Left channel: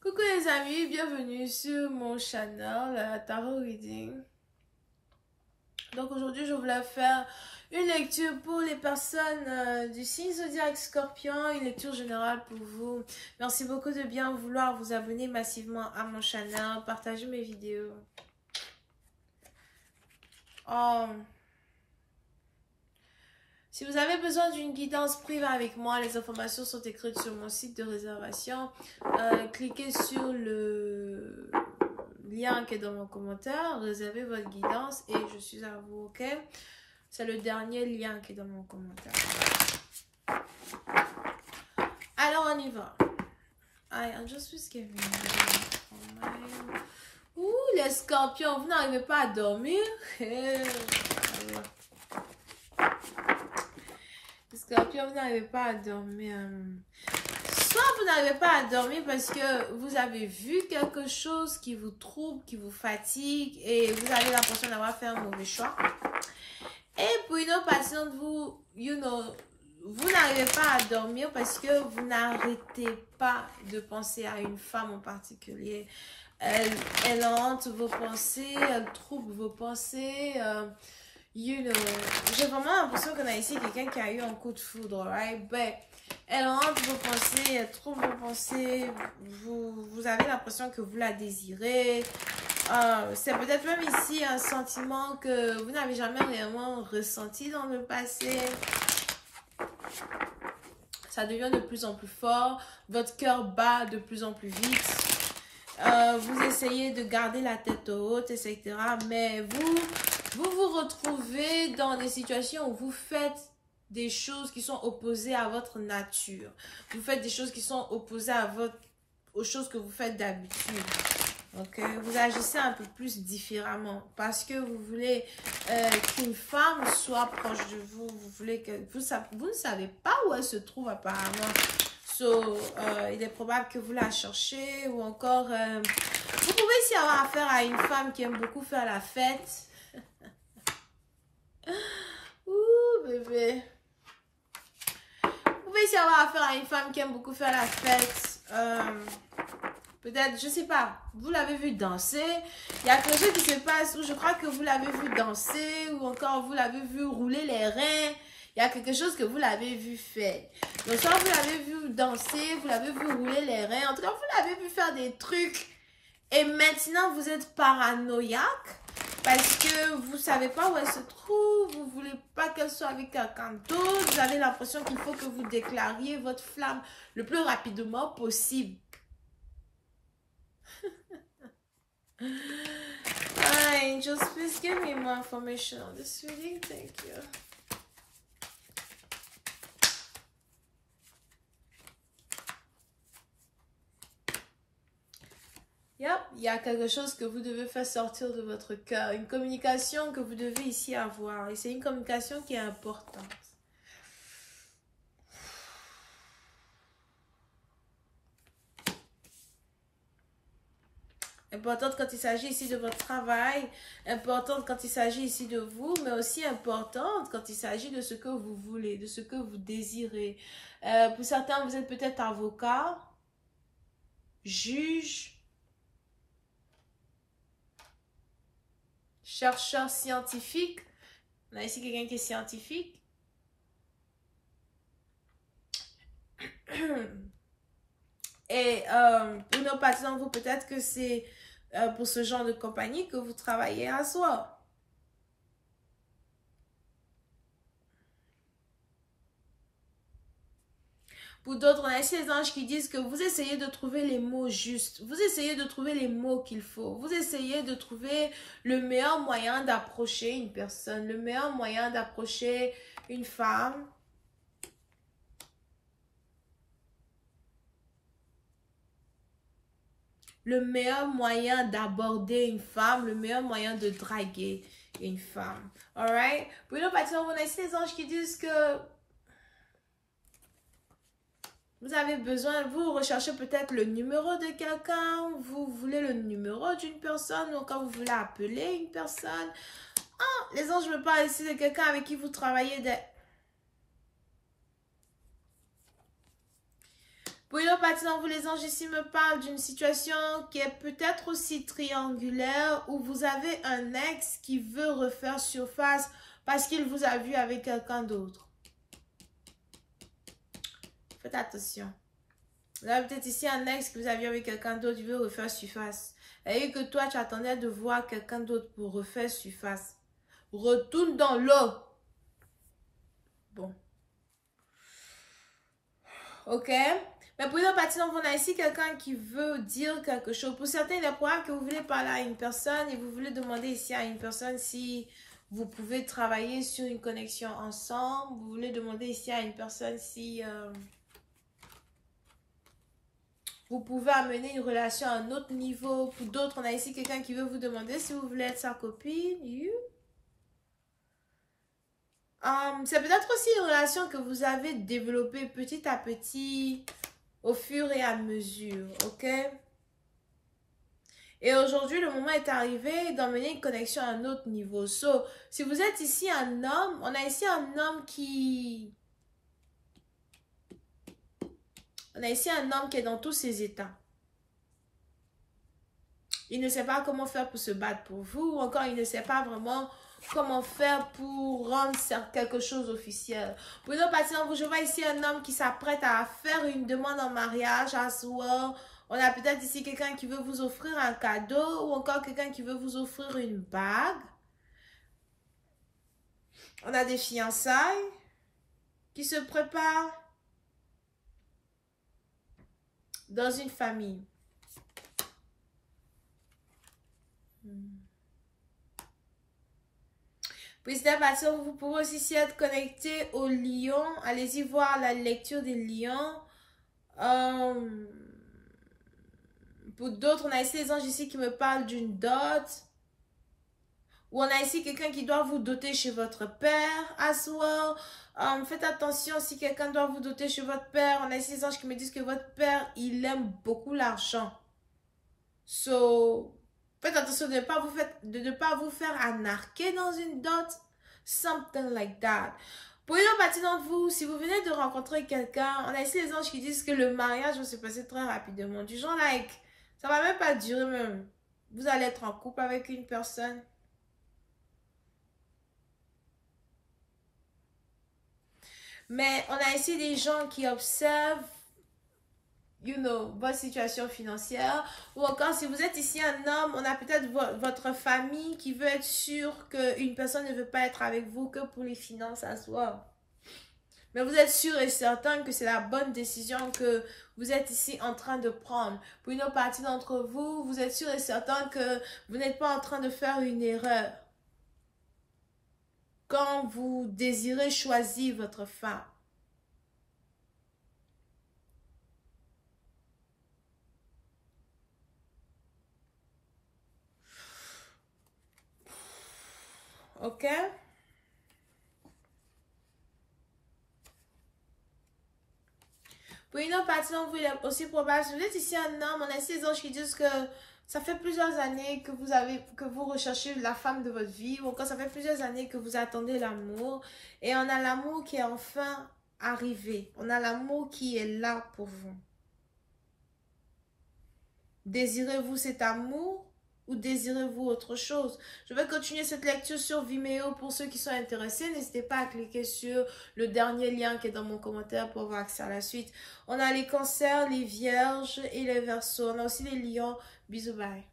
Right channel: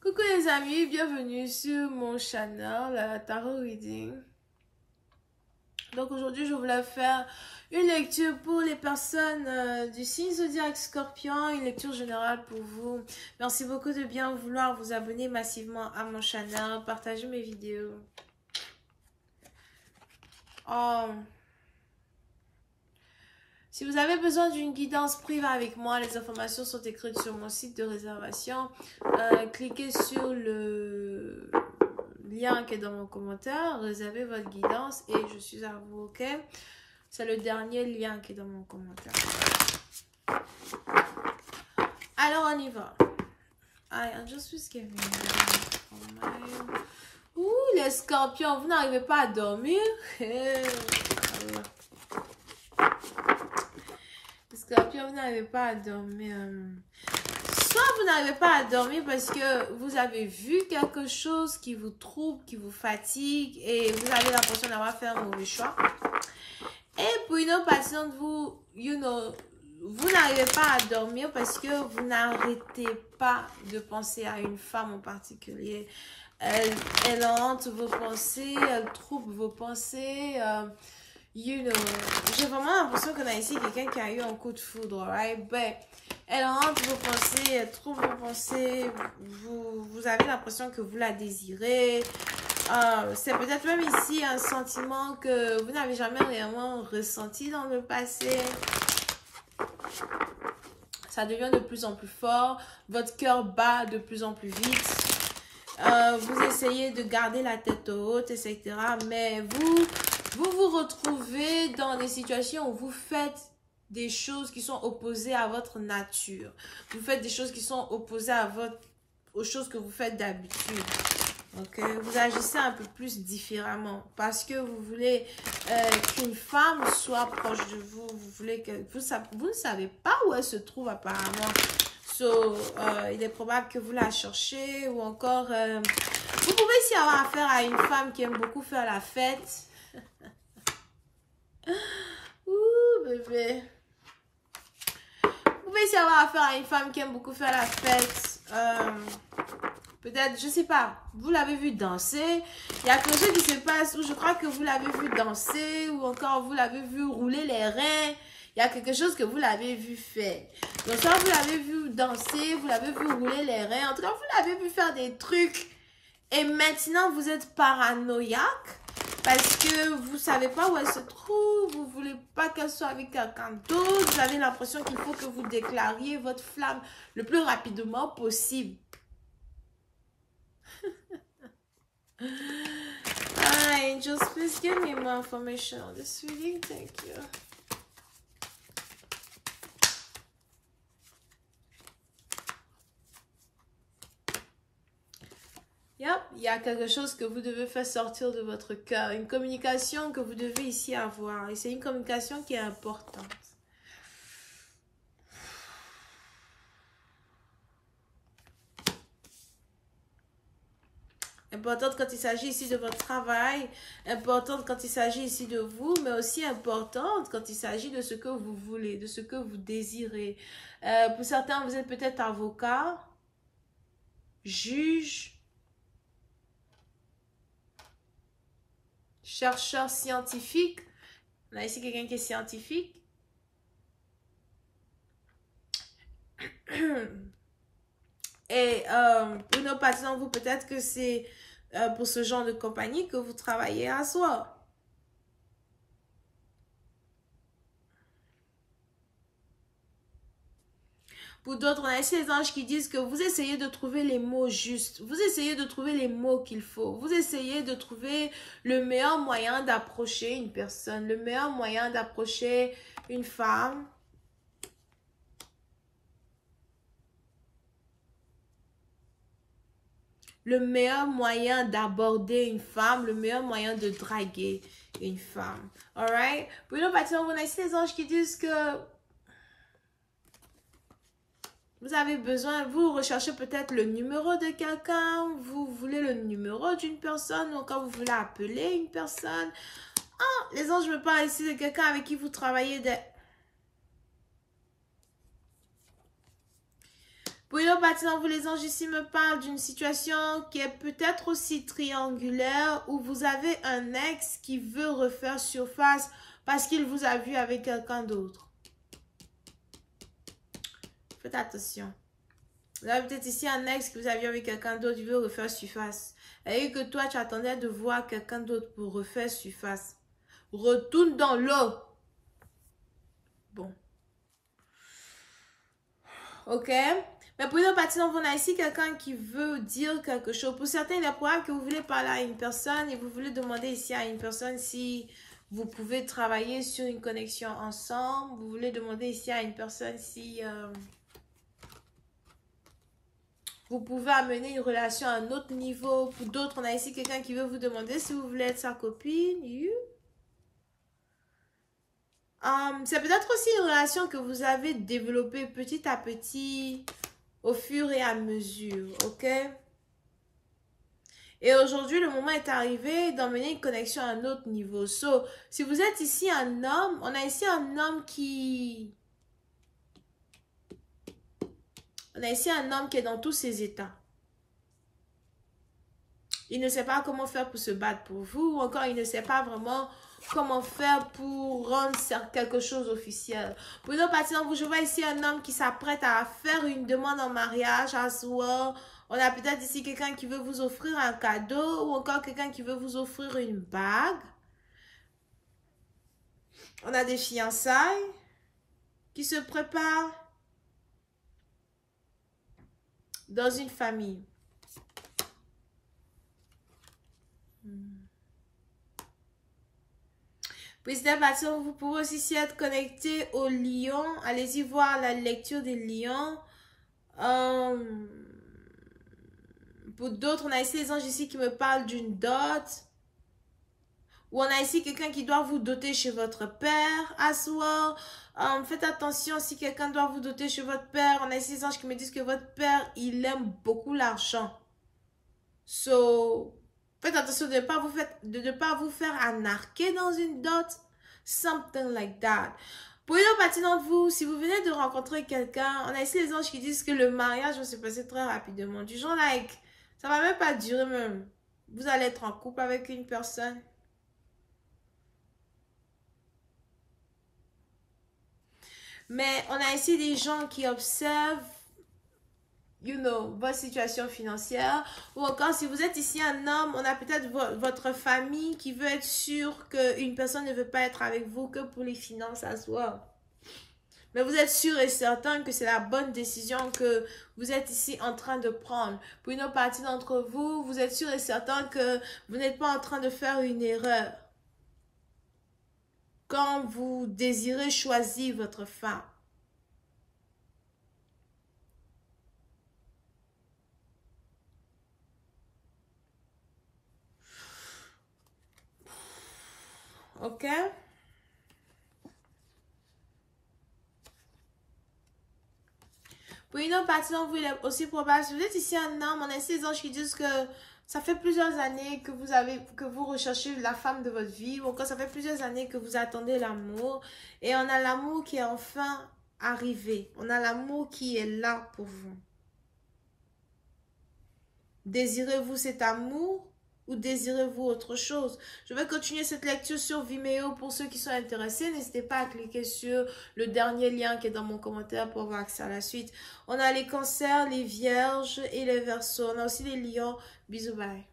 Coucou les amis, bienvenue sur mon channel Tarot Reading. Donc aujourd'hui je voulais faire une lecture pour les personnes du signe zodiaque Scorpion, une lecture générale pour vous. Merci beaucoup de bien vouloir vous abonner massivement à mon channel, partager mes vidéos. Si vous avez besoin d'une guidance privée avec moi, les informations sont écrites sur mon site de réservation. Cliquez sur le lien qui est dans mon commentaire, réservez votre guidance et je suis à vous, ok? C'est le dernier lien qui est dans mon commentaire. Alors, on y va. I'm just giving Ouh, les scorpions, vous n'arrivez pas à dormir? Les scorpions, vous n'arrivez pas à dormir. Soit vous n'arrivez pas à dormir parce que vous avez vu quelque chose qui vous trouble, qui vous fatigue et vous avez l'impression d'avoir fait un mauvais choix. Et pour une autre partie de vous, vous n'arrivez pas à dormir parce que vous n'arrêtez pas de penser à une femme en particulier. Elle hante vos pensées, elle trouble vos pensées. J'ai vraiment l'impression qu'on a ici quelqu'un qui a eu un coup de foudre, right? But elle hante vos pensées, elle trouble vos pensées, vous avez l'impression que vous la désirez. C'est peut-être même ici un sentiment que vous n'avez jamais réellement ressenti dans le passé. Ça devient de plus en plus fort, votre cœur bat de plus en plus vite. Vous essayez de garder la tête haute, etc. Mais vous vous retrouvez dans des situations où vous faites des choses qui sont opposées à votre nature. Vous faites des choses qui sont opposées aux choses que vous faites d'habitude. Donc, vous agissez un peu plus différemment parce que vous voulez qu'une femme soit proche de vous. Vous voulez que vous ne savez pas où elle se trouve apparemment. Il est probable que vous la cherchez ou encore vous pouvez aussi avoir affaire à une femme qui aime beaucoup faire la fête. Ouh bébé. Vous pouvez aussi avoir affaire à une femme qui aime beaucoup faire la fête. Peut-être, je sais pas, vous l'avez vu danser. Il y a quelque chose qui se passe où je crois que vous l'avez vu danser ou encore vous l'avez vu rouler les reins. Il y a quelque chose que vous l'avez vu faire. Donc, soit vous l'avez vu danser, vous l'avez vu rouler les reins. En tout cas, vous l'avez vu faire des trucs. Et maintenant, vous êtes paranoïaque parce que vous ne savez pas où elle se trouve. Vous ne voulez pas qu'elle soit avec quelqu'un d'autre. Vous avez l'impression qu'il faut que vous déclariez votre flamme le plus rapidement possible. Angels, please give me more information on this reading. Thank you. Yep, il y a quelque chose que vous devez faire sortir de votre cœur. Une communication que vous devez ici avoir. Et c'est une communication qui est importante. Importante quand il s'agit ici de votre travail, importante quand il s'agit ici de vous, mais aussi importante quand il s'agit de ce que vous voulez, de ce que vous désirez. Pour certains, vous êtes peut-être avocat, juge, chercheur scientifique. On a ici quelqu'un qui est scientifique. Et pour nos patients, vous, peut-être que c'est pour ce genre de compagnie que vous travaillez à soi. Pour d'autres, on a ici les anges qui disent que vous essayez de trouver les mots justes. Vous essayez de trouver les mots qu'il faut. Vous essayez de trouver le meilleur moyen d'approcher une personne, le meilleur moyen d'approcher une femme. Le meilleur moyen d'aborder une femme, le meilleur moyen de draguer une femme. Alright? Pour nous, on a ici les anges qui disent que vous avez besoin, vous recherchez peut-être le numéro de quelqu'un, vous voulez le numéro d'une personne, ou quand vous voulez appeler une personne. Ah, les anges me parlent ici de quelqu'un avec qui vous travaillez Pour une autre partie d'entre vous, les anges ici me parlent d'une situation qui est peut-être aussi triangulaire où vous avez un ex qui veut refaire surface parce qu'il vous a vu avec quelqu'un d'autre. Faites attention. Vous avez peut-être ici un ex que vous avez vu avec quelqu'un d'autre qui veut refaire surface. Et que toi, tu attendais de voir quelqu'un d'autre pour refaire surface. Retourne dans l'eau. Bon. Ok? Mais pour une autre partie, on a ici quelqu'un qui veut dire quelque chose. Pour certains, il est probable que vous voulez parler à une personne et vous voulez demander ici à une personne si vous pouvez travailler sur une connexion ensemble. Vous voulez demander ici à une personne si vous pouvez amener une relation à un autre niveau. Pour d'autres, on a ici quelqu'un qui veut vous demander si vous voulez être sa copine. C'est peut-être aussi une relation que vous avez développée petit à petit, au fur et à mesure, ok? Et aujourd'hui, le moment est arrivé d'emmener une connexion à un autre niveau. So, si vous êtes ici un homme, on a ici un homme qui... On a ici un homme qui est dans tous ses états. Il ne sait pas comment faire pour se battre pour vous, ou encore il ne sait pas vraiment comment faire pour rendre quelque chose officiel. Pour une autre partie d'entre vous, je vois ici un homme qui s'apprête à faire une demande en mariage à soi. On a peut-être ici quelqu'un qui veut vous offrir un cadeau ou encore quelqu'un qui veut vous offrir une bague. On a des fiançailles qui se préparent dans une famille. Puis vous pouvez aussi être connecté au lion. Allez-y voir la lecture des lions. Pour d'autres, on a ici les anges ici qui me parlent d'une dot. Ou on a ici quelqu'un qui doit vous doter chez votre père à soi. Faites attention si quelqu'un doit vous doter chez votre père. On a ici les anges qui me disent que votre père, il aime beaucoup l'argent. So, faites attention de ne pas vous faire anarquer dans une dot. Something like that. Pour une autre partie d'entre vous, si vous venez de rencontrer quelqu'un, on a ici les anges qui disent que le mariage va se passer très rapidement. Du genre, like, ça va même pas durer même. Vous allez être en couple avec une personne. Mais on a ici des gens qui observent, votre situation financière. Ou encore, si vous êtes ici un homme, on a peut-être votre famille qui veut être sûre qu'une personne ne veut pas être avec vous que pour les finances à soi. Mais vous êtes sûr et certain que c'est la bonne décision que vous êtes ici en train de prendre. Pour une autre partie d'entre vous, vous êtes sûr et certain que vous n'êtes pas en train de faire une erreur quand vous désirez choisir votre femme. Ok? Pour une autre partie, donc, il est aussi probable, si vous êtes ici un homme, on a ici les anges qui disent que ça fait plusieurs années que vous recherchez la femme de votre vie, ou encore ça fait plusieurs années que vous attendez l'amour, et on a l'amour qui est enfin arrivé. On a l'amour qui est là pour vous. Désirez-vous cet amour ou désirez-vous autre chose? Je vais continuer cette lecture sur Vimeo pour ceux qui sont intéressés. N'hésitez pas à cliquer sur le dernier lien qui est dans mon commentaire pour avoir accès à la suite. On a les cancers, les vierges et les verseaux. On a aussi les lions. Bisous, bye.